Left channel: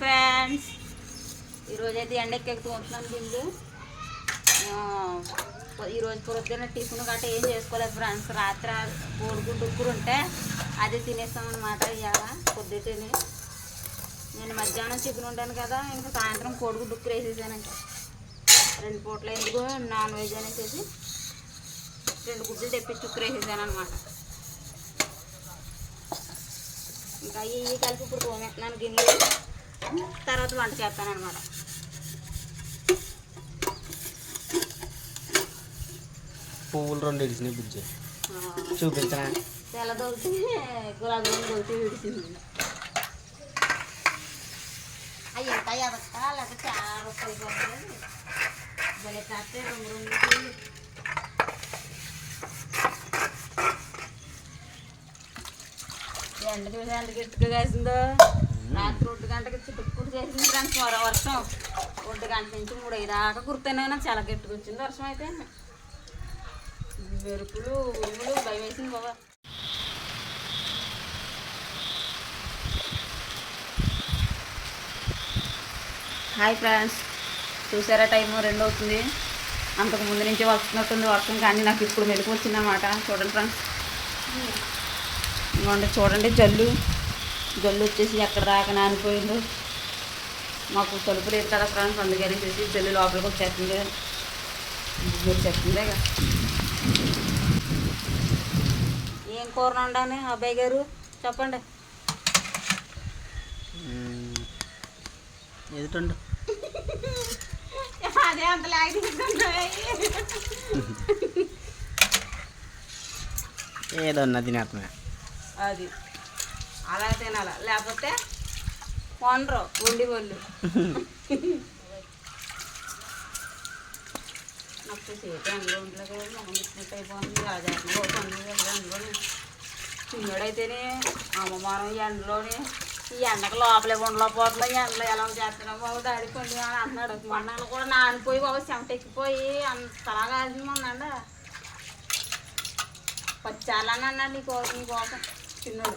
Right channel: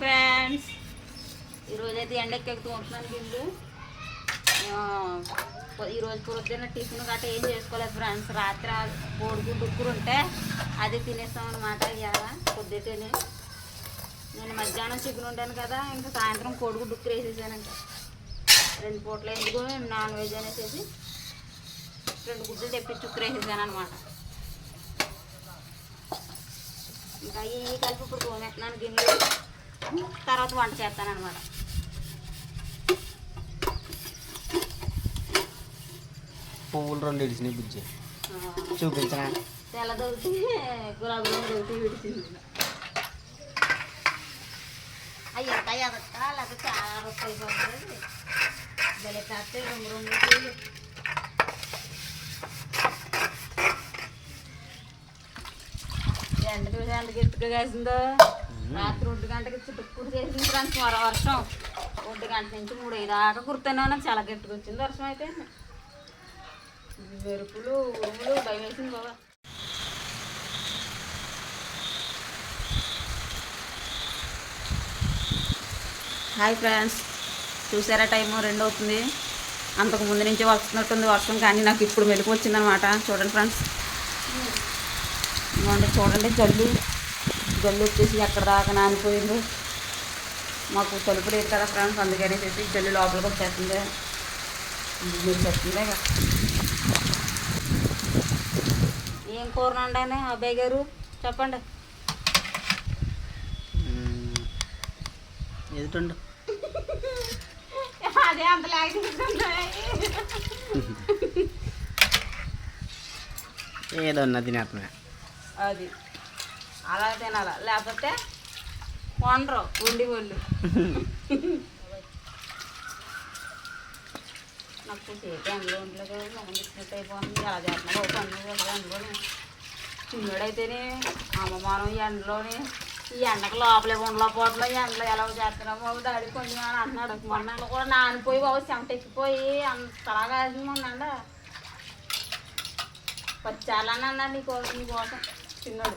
Friends ఈరోజు అయితే ఎండెక్కెక్కుతూ ఉంటున్నాను గిన్నెలు ఈరోజు పొద్దున్న టిఫిన్ గట్రా ఏం చేసుకోలేదు ఫ్రెండ్స్ రాత్రి కోడిగుడ్డు డుక్కురు ఉంటే అదే తినేస్తాం అనమాట ఇవాళ పొద్దుటేనే. నేను మధ్యాహ్నం చికెన్ ఉంటాను కదా ఇంకా సాయంత్రం కోడిగుడ్డు ఉక్కురు వేసేసాను ఇంకా. రెండు పూటలు ఎందుకు నాన్ వెజ్ అనేసి రెండు గుడ్లు తెప్పించి చుక్కరు వేసేసాను అనమాట ఇంకా అవి ఇవి కలిపి ఇప్పుడు తోమేస్తున్నాను గిన్నెలు. తర్వాత వంట చేస్తాను అనమాట పువ్వులు రెండు ఇడిచినాయి బుజ్జి. చూపించరా తెల్ల దొరికితే గులాబీ రంగు దొరికితే విడిచింది అయ్యా అదొక్క లేకపోతే చాలా రూపాయలు పోతుంది భలే కాస్తే రెండు రెండు పూలు. ఎండ చూసి ఎంత గట్టిగా కాసిందో. రాత్రి ఒంటి గంటకి చుట్టుకుడు చేసింది ఫ్రెండ్స్ వర వర్షం. ఒంటి గంట నుంచి మూడు ఐదు దాకా కుర్తూనే చాలా గట్టిగా వచ్చింది వర్షం అయితే. మెరుపులు ఉరుములు భయం వేసింది బాబా. Hi friends. చూసారా టైము? రెండు అవుతుంది. అంతకు ముందు నుంచి వస్తున్నట్టుంది వర్షం కానీ నాకు ఇప్పుడు మెలకు వచ్చిందనమాట. చూడండి ఫ్రెండ్స్. ఇవ్వండి చూడండి జల్లు. జల్లు వచ్చేసి ఎక్కడ దాకా నానిపోయిందో. మాకు తలుపు లేదు కదా ఫ్రెండ్స్ అందుకని చేసి జల్లు లోపలికి వచ్చేస్తుంది. మీరు చెప్తుందే కదా. ఏం కూర వండాను అబ్బాయి గారు? చెప్పండి. ఎదుటండు అదే అంత లాగి ఏదో ఉన్న తినేస్తున్నా. అది. అలా తినాల? లేకపోతే వండరు వండి వాళ్ళు నాకు చేతి అందులో ఉండలేదు కదా మొహం అయిపోతుంది. అలా చేస్తున్నా బాబు కదా చిన్నడైతేనే అమ్మమానం ఈ ఎండలోని ఈ ఎండకు లోపలే ఉండలేకపోతున్నాం ఈ ఎండలో ఎలా చేస్తున్నాం బాబు దాడి పండు అని అంటున్నాడు. మొన్న కూడా నానిపోయి బాబు చెమట ఎక్కిపోయి అంతలా కాసింది మొన్న వచ్చాలని అన్నాడు నీ కోసం నీ కోసం. చిన్నడు.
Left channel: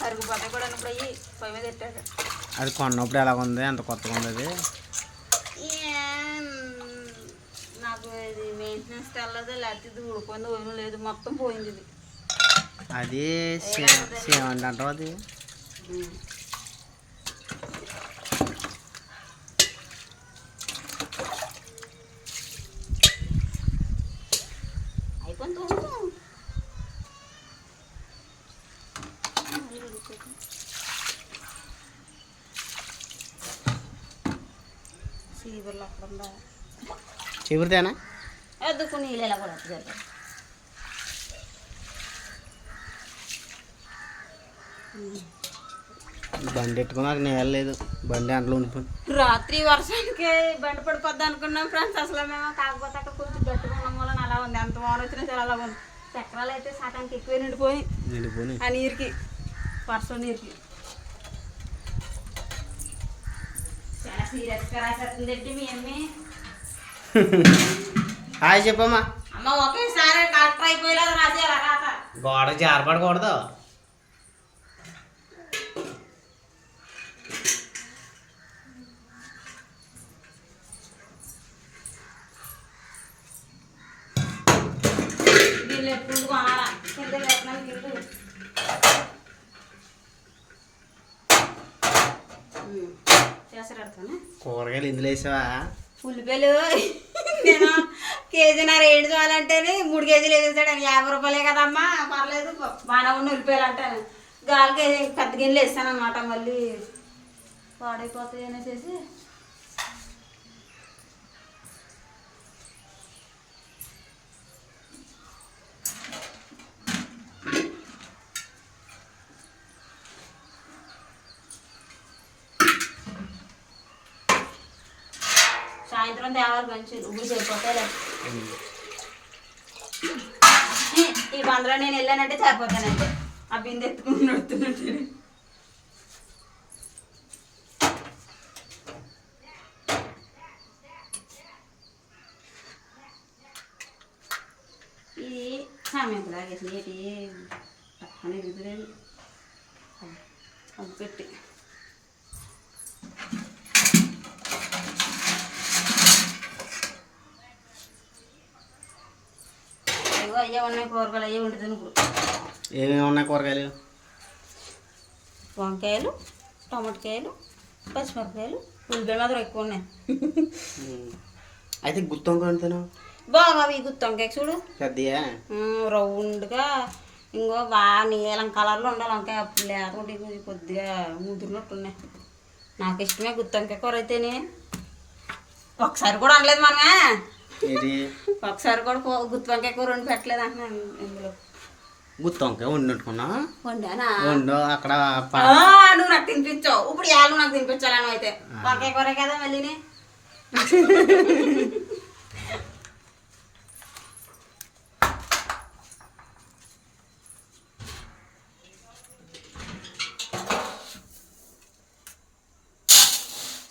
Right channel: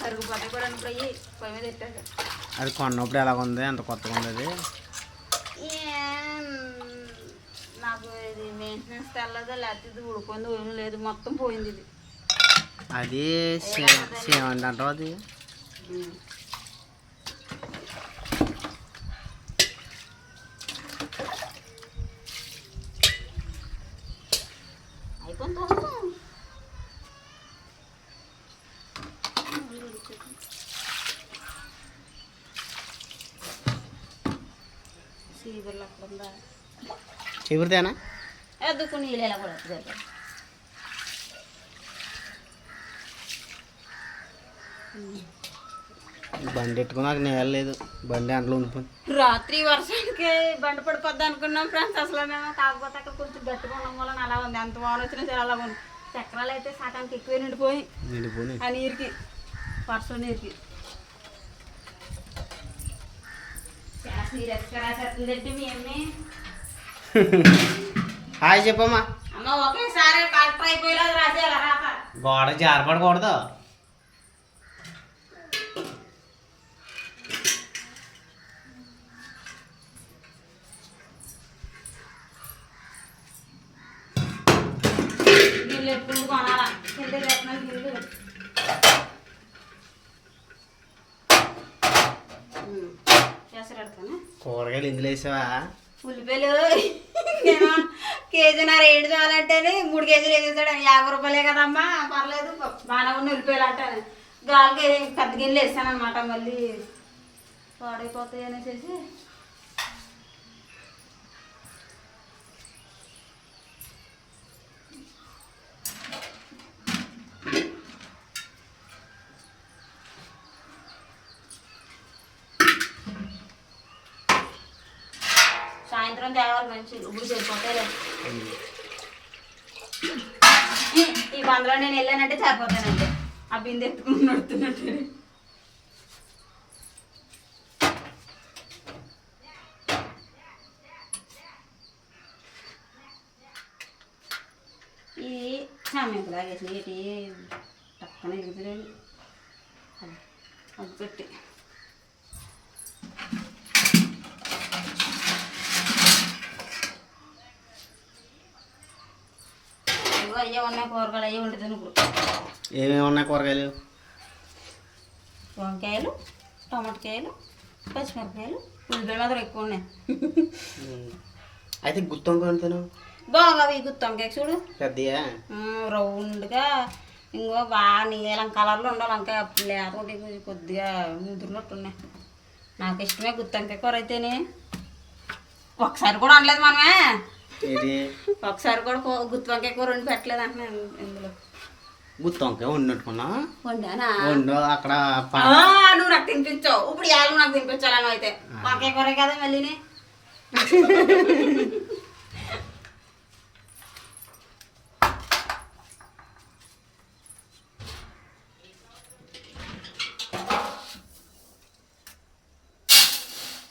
కరుగుపోతాయి కూడా ఇప్పుడు అయ్యి పొయ్యి మీద పెట్టాక అది కొన్నప్పుడు ఎలా ఉంది అంత కొత్తగా ఉంది అది? నాకు ఇది మెయింటెనెన్స్ తెల్లదో లేకపోతే ఇది ఏమీ లేదు. మొత్తం పోయింది ఇది. అది సేవండి అంటావు అది? సీవర్లు అక్కడ ఉందా చివరితేనా ఎద్దుకు నీళ్ళు ఎలా కూడా వస్తుంది బండి ఎట్టుకుని నాకు నేల లేదు. బండి అంట్లో ఉండిపోయింది. రాత్రి వర్షానికి బండి పడిపోద్ది అనుకున్నాం ఫ్రెండ్స్. అసలు మేము కాకపోతే అక్కడ కొంచెం గట్టిగా ఉండడం వల్ల అలా ఉంది. ఎంత వాన వచ్చినా సరే అలా ఉంది. చక్రాలు అయితే సగానికి ఎక్కువ నిండిపోయి నిండిపోయి ఆ నీరుకి వర్షం నీరుకి చాలా సీరియస్గా రాసేస్తుందండి మీ అమ్మి హాయ్ చెప్పమ్మా. గోడ జారపడకూడదు వీళ్ళు ఎప్పుడు కొనాలా కింద వేస్తున్నాను గిల్లు చేసాడు కూరగాయలు ఇందులో వేసావా? ఉల్లిపాయలు నేను కేజీన్నర ఏడు చాలంటేనే మూడు కేజీలు వేసేసాడు యాభై రూపాయలే కదమ్మా. పర్లేదు బాగా ఉన్న ఉల్లిపాయలు అంటాను. గాలికి పెద్ద గిన్నెలు వేస్తాను అనమాట మళ్ళీ పాడైపోతాయి అనేసి. సాయంత్రం తేవాలి మంచి ఇప్పుడు సరిపోతాయిలే ఈ- బందలో నేను వెళ్ళానంటే సరిపోతానంటే ఆ బిందె ఎత్తుకుని నడుతున్నట్టు ఇది సామెంపులా వేసి ఏంటి పక్కన ఎరుగుతలేదు అది పెట్టి. ఇదిగో అయ్యే ఉన్నాయి కూరగాయలు అయ్యే ఉంటుంది ఇప్పుడు. ఏమేమి ఉన్నాయి కూరగాయలు? వంకాయలు టమాటకాయలు పచ్చిమిరపకాయలు ఉల్లిపాయలు మాత్రం ఎక్కువ ఉన్నాయి. అయితే గుత్తొంకాయ అంతేనా బాగా అవి గుత్తొంకాయ చూడు. పెద్దయా? రౌండ్గా ఇంకో బాగా నీలం కలర్లో ఉండాలి వంకాయ అప్పుడు లేకుంటే కొద్దిగా ముదురునట్టు ఉన్నాయి నాకు ఇష్టమే గుత్తొంకాయ కూర అయితేనే. ఒకసారి కూడా అనలేదు మనమే. ఒకసారి కూడా గుత్తి వంకాయ కూర వండి పెట్టలేదు అంటున్నాను ఇందులో. గుత్తొంకాయ వండుకున్నా వండానా? వండు అక్కడ నువ్వు నాకు తినిపించావు. ఇప్పుడు యాళ్ళు నాకు తినిపించాలని అయితే. వంకాయ కూర కదా మళ్ళీని?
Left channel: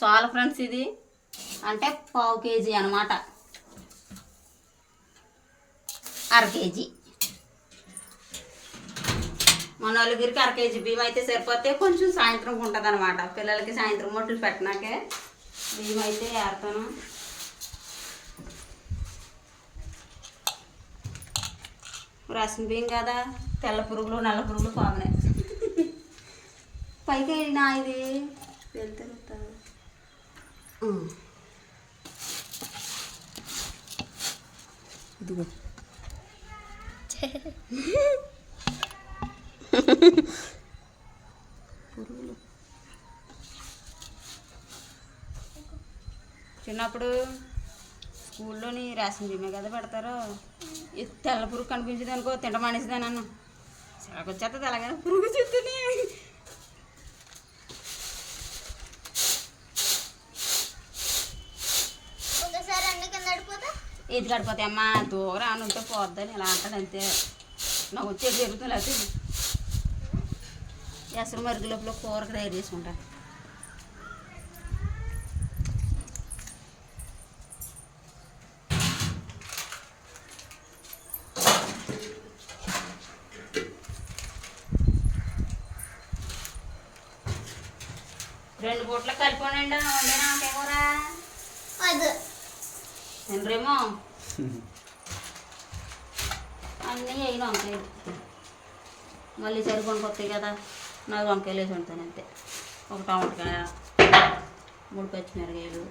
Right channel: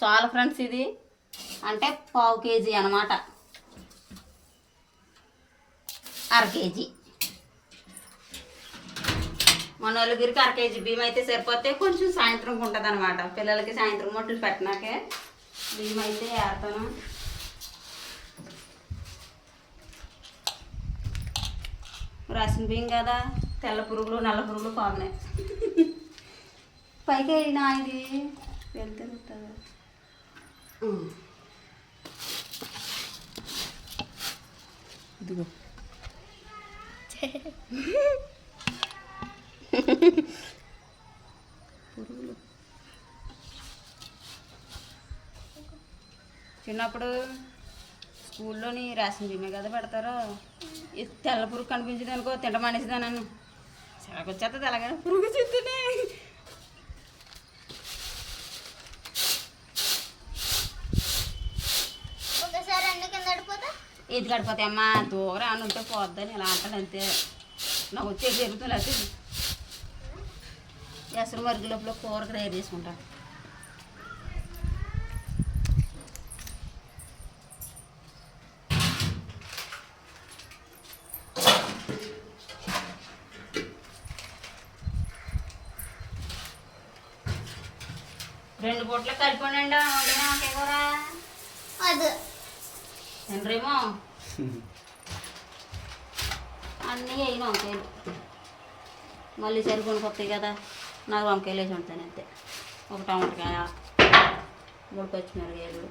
చాలా ఫ్రెండ్స్ ఇది. అంటే పావు కేజీ అనమాట అర కేజీ. మన నలుగురికి అర కేజీ బియ్యం అయితే సరిపోతే కొంచెం సాయంత్రం ఉంటుంది అనమాట పిల్లలకి సాయంత్రం మొట్లు పెట్టినాకే బియ్యం అయితే ఏడతాను రసం బియ్యం కదా తెల్ల పురుగులు నల్ల పురుగులు పాగినాయి పైకి వెళ్ళినా ఇది? వెళ్తే ఇదిగో. పురుగులు. చిన్నప్పుడు స్కూల్లోని రేషన్ బియ్యమే కదా పెడతారు. తెల్ల పురుగు కనిపించదనుకో అనుకో తింట మానేసిందా అలాగే. పురుగు చుట్టూనే ఒకసారి అన్ని కింద పడిపోతే ఇది గడిపోతే అమ్మా దూరం అని ఉంటే పోద్దని ఇలా అంటాడు అంతే. నాకు వచ్చేది జరుగుతుంది అయితే ఎసరు మరుగు లోపల కూరకు తయారు చేసుకుంటా. రెండు పూట్ల కలిపోనండి వండినా వంకాయ కూర? వద్దు. అన్నీ అయిన వంకాయలు మళ్ళీ సరికొని కొత్తవి కదా నాకు వంకాయలు వేసి ఉంటాను అంతే. ఒక టమాటకాయ మూడు పచ్చిమిరకాయలు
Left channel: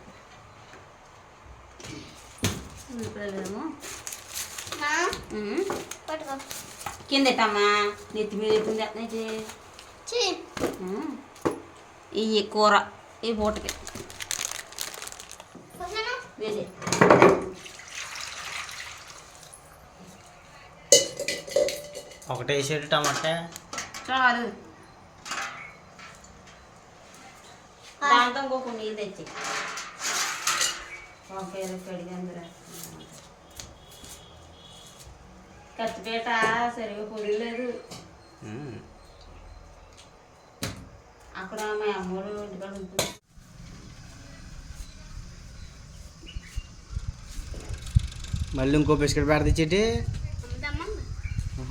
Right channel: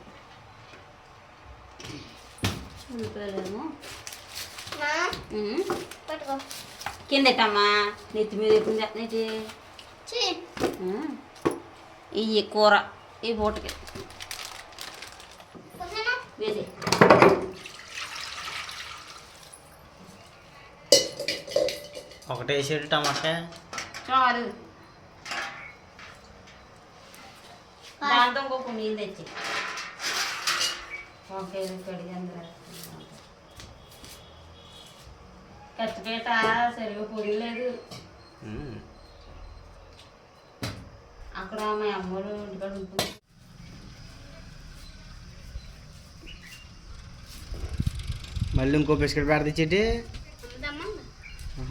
ఉల్లిపాయలేమో. మా ఉమ్. పట్టుకో. కింద ఎట్టమ్మా నెత్తి మీద ఎత్తుంది నెత్తి ఇవి కూర ఈ పూటకి. వేసి ఒకటే వేసేది టమాటా. చాలు. దాంతో ఇంకొక నీళ్ళు తెచ్చి. ఓకే కడిగి అందరూ ఖర్చుపేట సరిగా పొడిలేదు ఉమ్. అక్కడ మా అమ్మోడు ఇంటికాడ ఉంటుంది మళ్ళీ ఇంకో బిస్కెట్ పెడితే చెట్టి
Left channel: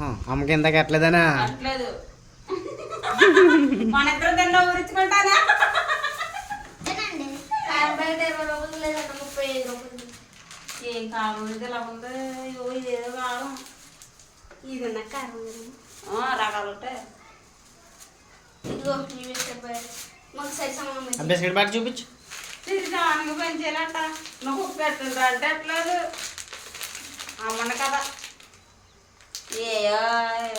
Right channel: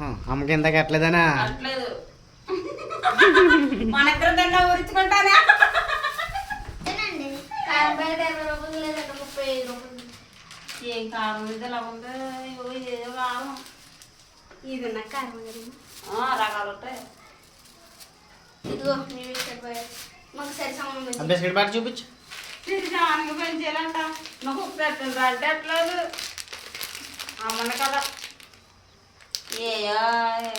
అమ్మకి ఐదు రూపాయలు ఏం కారం ఇది ఇలా ఉంది. అయ్యో ఇది ఏదో కారం. ఇది ఉన్న కారం ఇది. ఆ, రకాలు ఉంటాయి ఇదిగో మాకు సరి సమానం బిస్కెట్ చూపించు. ఇది దానికి నువ్వు అంటే అట్లేదు అమ్మండి కదా. ఏ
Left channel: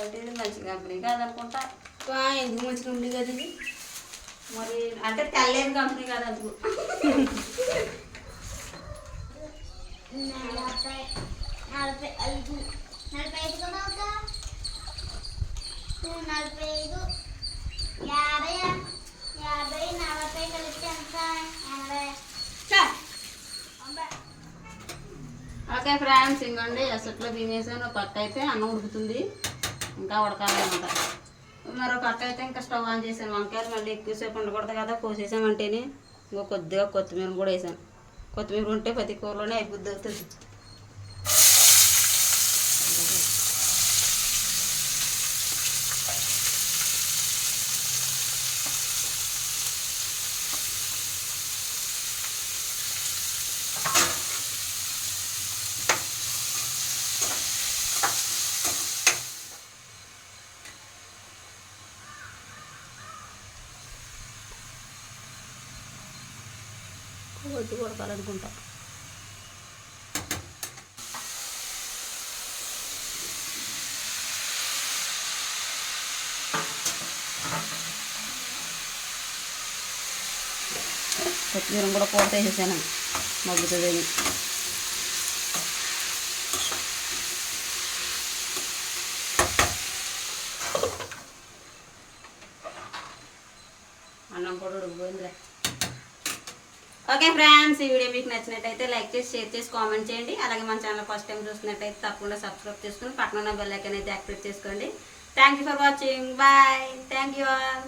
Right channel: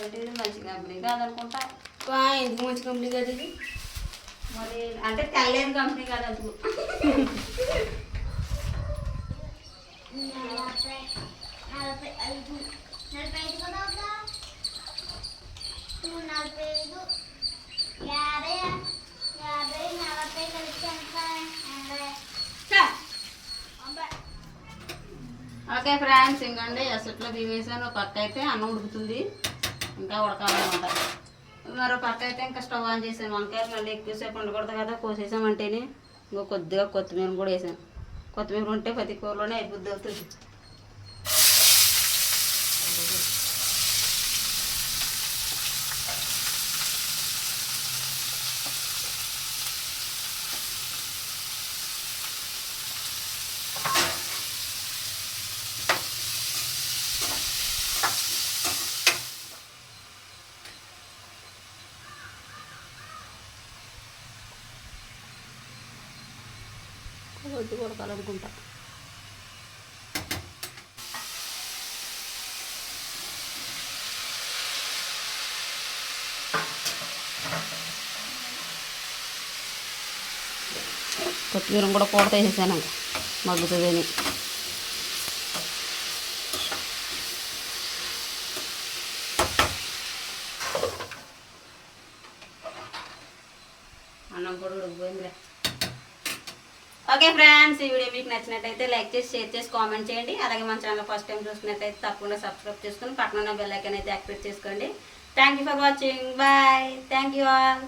ఇది మంచి కంపెనీ కాదనుకుంటా. ఎందుకు ఉంది కదా ఇది? మరి అంటే తెల్లేని కంపెనీ కాదు అందుకు నలభై ఐదు నలభై ఐదు కూడా అవుతా టూ నలభై ఐదు యాభై యాభై నలభై కలిసి ఎంత ఎనభై చా. తొంభై ఓకే ఫ్రెండ్స్ ఇంకండి ఎసట్లో బియ్యం పక్క అయితే అన్నం ఉడుకుతుంది. ఇంకా ఉడకాలన్నమాట. మరో పక్క అయితే ఇంకా స్టవ్ ఆన్ చేశాను. వంకాయలు మళ్ళీ ఎక్కువసేపు ఉండకూడదు కదా. కోసేసామంటేనే ఇంకో కొద్దిగా కొత్తిమీర కూడా వేసాను. కొత్తిమీర ఉంటే ప్రతి కూరలోనే అయిపోద్ది అవుతుంది. కొద్ది ఉడకాలనుకుంటా కొత్తిమీర కూడా కూర వేసేసాను. మగ్గుతుందని. అన్నం కూడా ఉడికిపోయిందిలే. ఓకే ఫ్రెండ్స్ ఈ వీడియో మీకు నచ్చినట్టయితే లైక్ చేసి షేర్ చేసి కామెంట్ చేయండి. అలాగే మన ఛానల్ ఫస్ట్ టైం చూసినట్టయితే తప్పకుండా సబ్స్క్రైబ్ చేసుకుని పక్కన బెల్ ఐకాన్ అయితే యాక్టివేట్ చేసుకోండి. Thank you for watching bye thank you all